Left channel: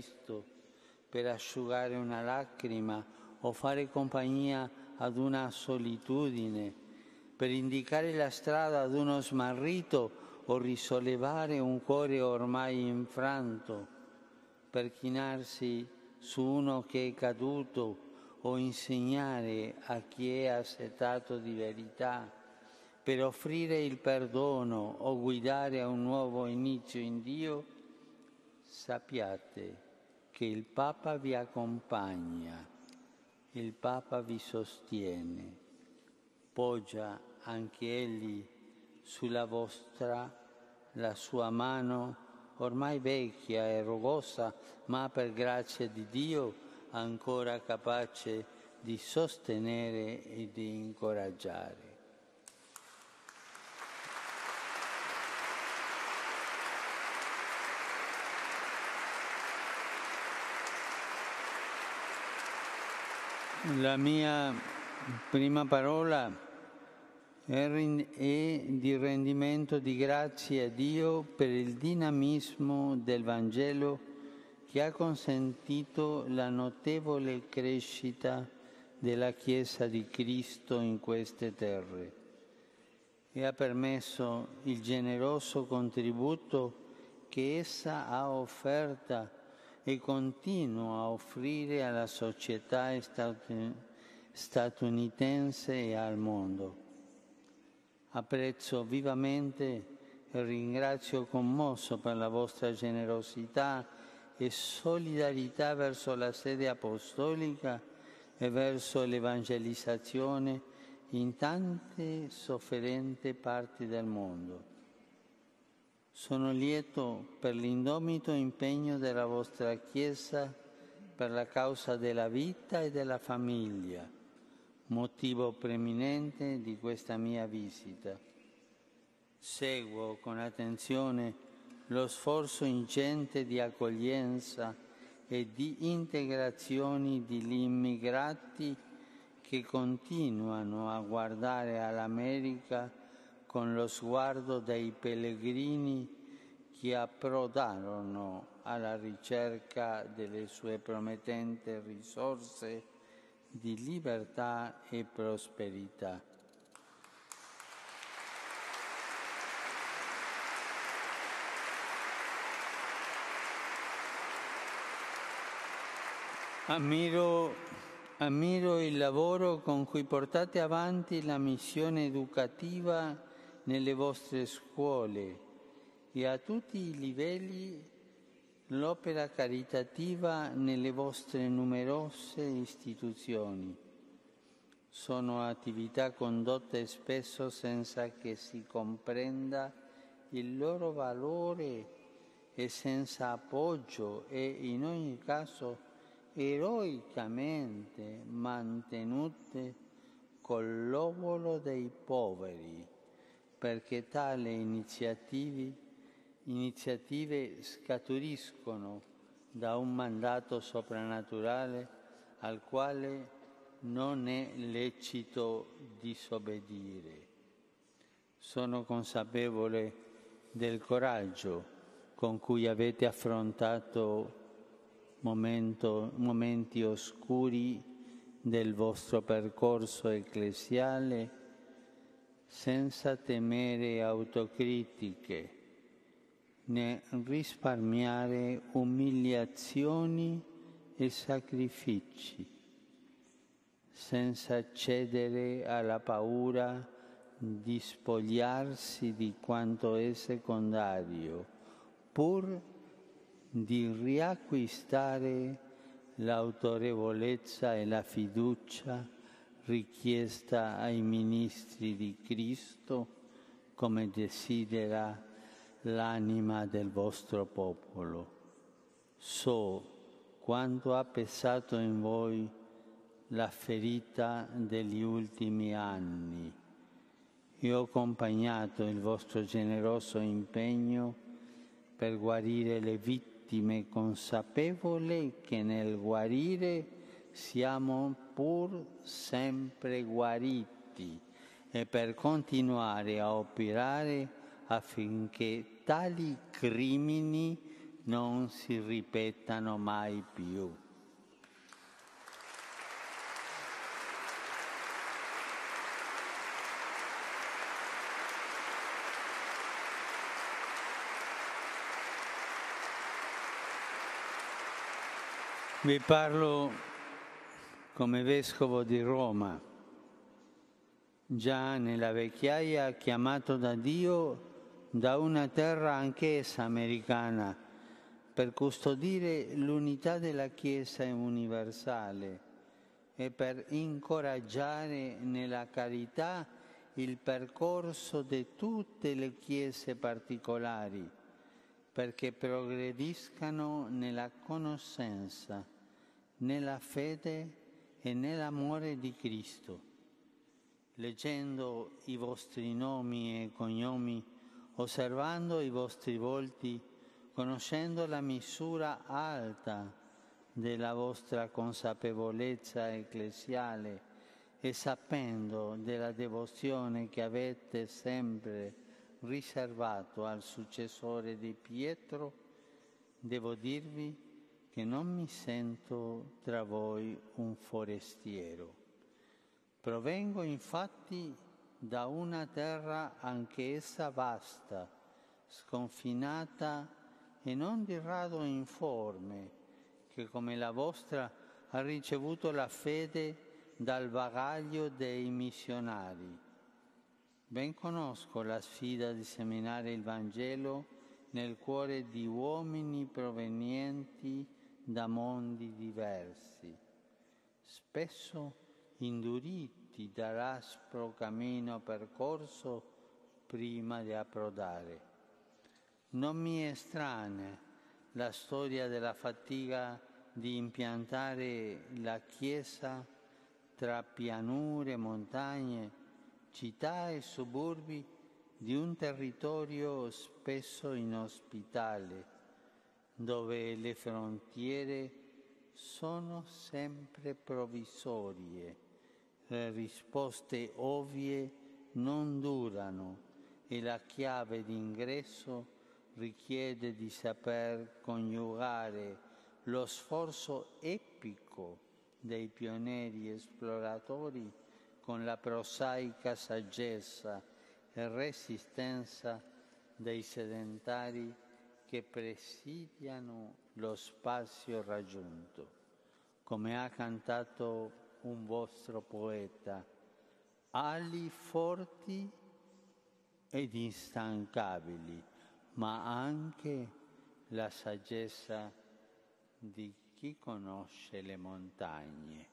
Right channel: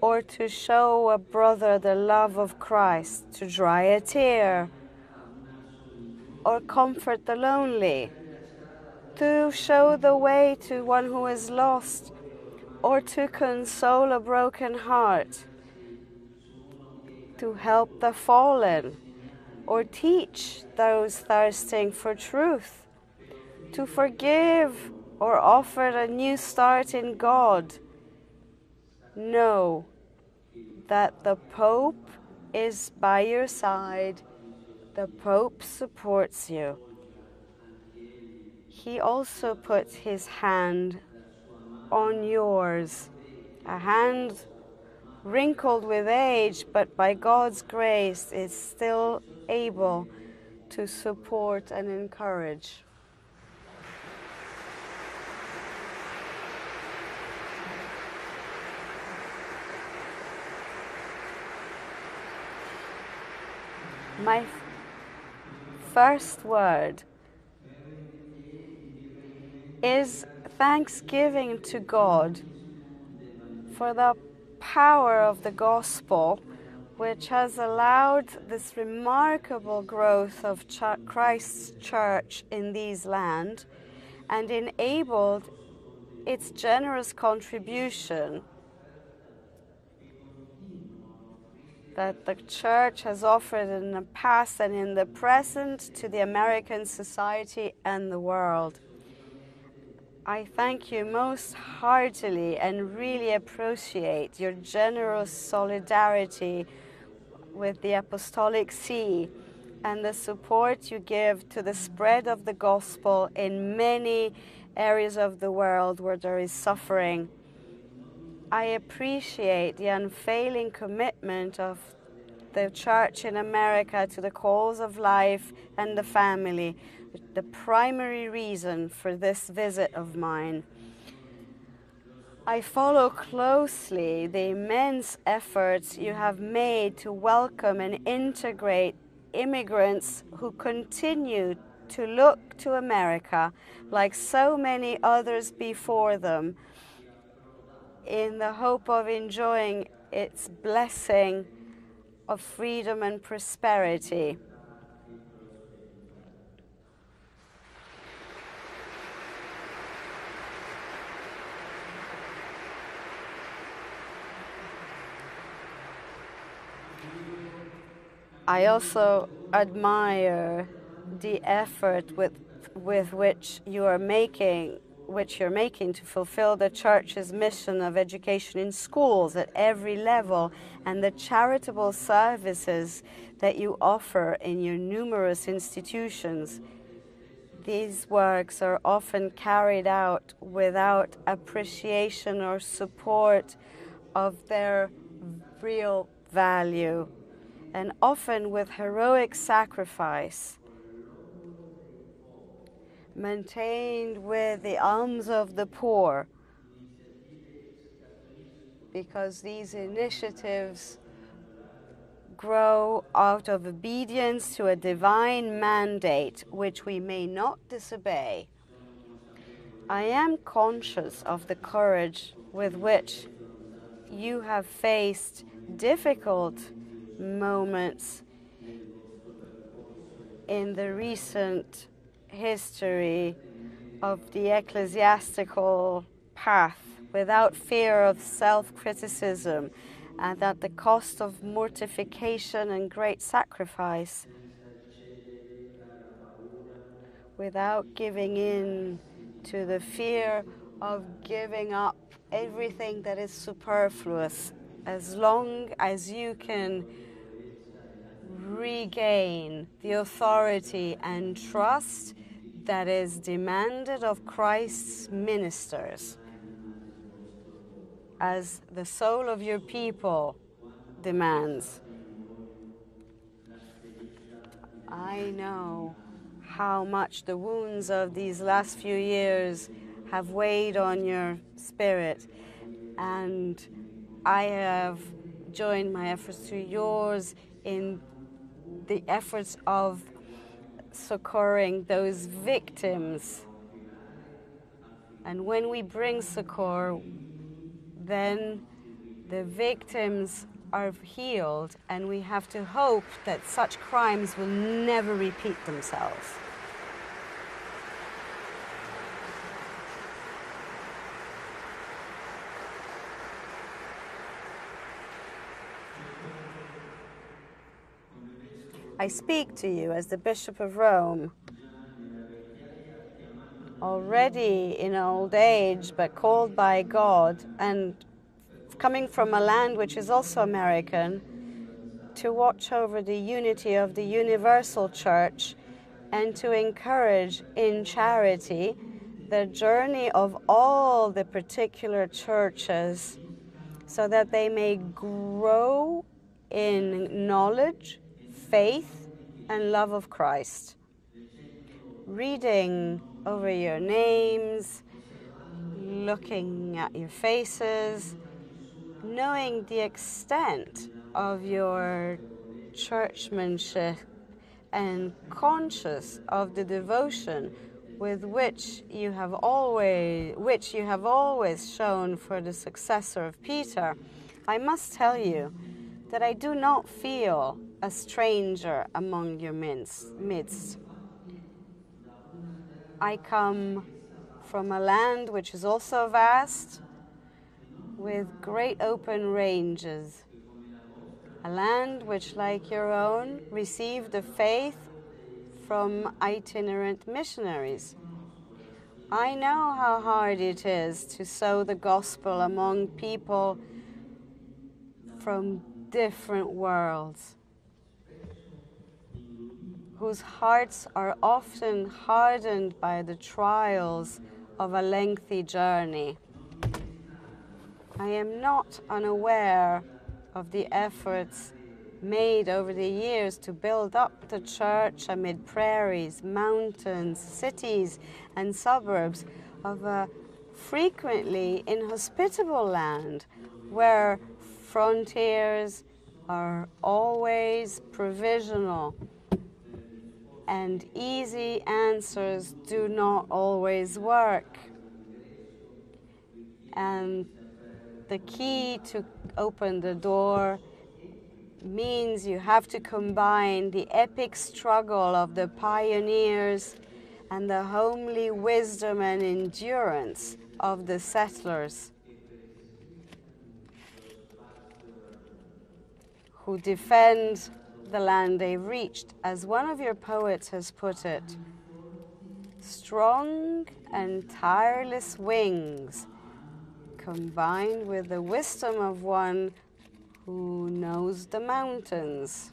or to show a brother the love of Christ, to dry a tear, or comfort the lonely, to show the way to one who is lost, or to console a broken heart, to help the fallen, or teach those thirsting for truth, to forgive or offer a new start in God. Know that the Pope is by your side. The Pope supports you. He also puts his hand on yours, a hand wrinkled with age, but by God's grace is still able to support and encourage. My first word is thanksgiving to God for the power of the gospel, which has allowed this remarkable growth of Christ's church in these lands and enabled its generous contribution that the Church has offered in the past and in the present to the American society and the world. I thank you most heartily and really appreciate your generous solidarity with the Apostolic See and the support you give to the spread of the gospel in many areas of the world where there is suffering. I appreciate the unfailing commitment of the Church in America to the cause of life and the family, the primary reason for this visit of mine. I follow closely the immense efforts you have made to welcome and integrate immigrants who continue to look to America, like so many others before them, in the hope of enjoying its blessing of freedom and prosperity. I also admire the effort with which you're making to fulfill the Church's mission of education in schools at every level and the charitable services that you offer in your numerous institutions. These works are often carried out without appreciation or support of their real value, and often with heroic sacrifice, maintained with the alms of the poor, because these initiatives grow out of obedience to a divine mandate which we may not disobey. I am conscious of the courage with which you have faced difficult moments in the recent history of the ecclesiastical path without fear of self-criticism and at the cost of mortification and great sacrifice, without giving in to the fear of giving up everything that is superfluous, as long as you can regain the authority and trust that is demanded of Christ's ministers, as the soul of your people demands. I know how much the wounds of these last few years have weighed on your spirit, and I have joined my efforts to yours in the efforts of succoring those victims. And when we bring succor, then the victims are healed, and we have to hope that such crimes will never repeat themselves. I speak to you as the Bishop of Rome, already in old age, but called by God, and coming from a land which is also American, to watch over the unity of the universal church and to encourage in charity the journey of all the particular churches so that they may grow in knowledge, faith, and love of Christ. Reading over your names, looking at your faces, knowing the extent of your churchmanship, and conscious of the devotion with which you have always shown for the successor of Peter, I must tell you that I do not feel a stranger among your midst. I come from a land which is also vast, with great open ranges, a land which, like your own, received the faith from itinerant missionaries. I know how hard it is to sow the gospel among people from different worlds, whose hearts are often hardened by the trials of a lengthy journey. I am not unaware of the efforts made over the years to build up the church amid prairies, mountains, cities, and suburbs of a frequently inhospitable land where frontiers are always provisional and easy answers do not always work. And the key to open the door means you have to combine the epic struggle of the pioneers and the homely wisdom and endurance of the settlers, who defend the land they reached. As one of your poets has put it, strong and tireless wings, combined with the wisdom of one who knows the mountains.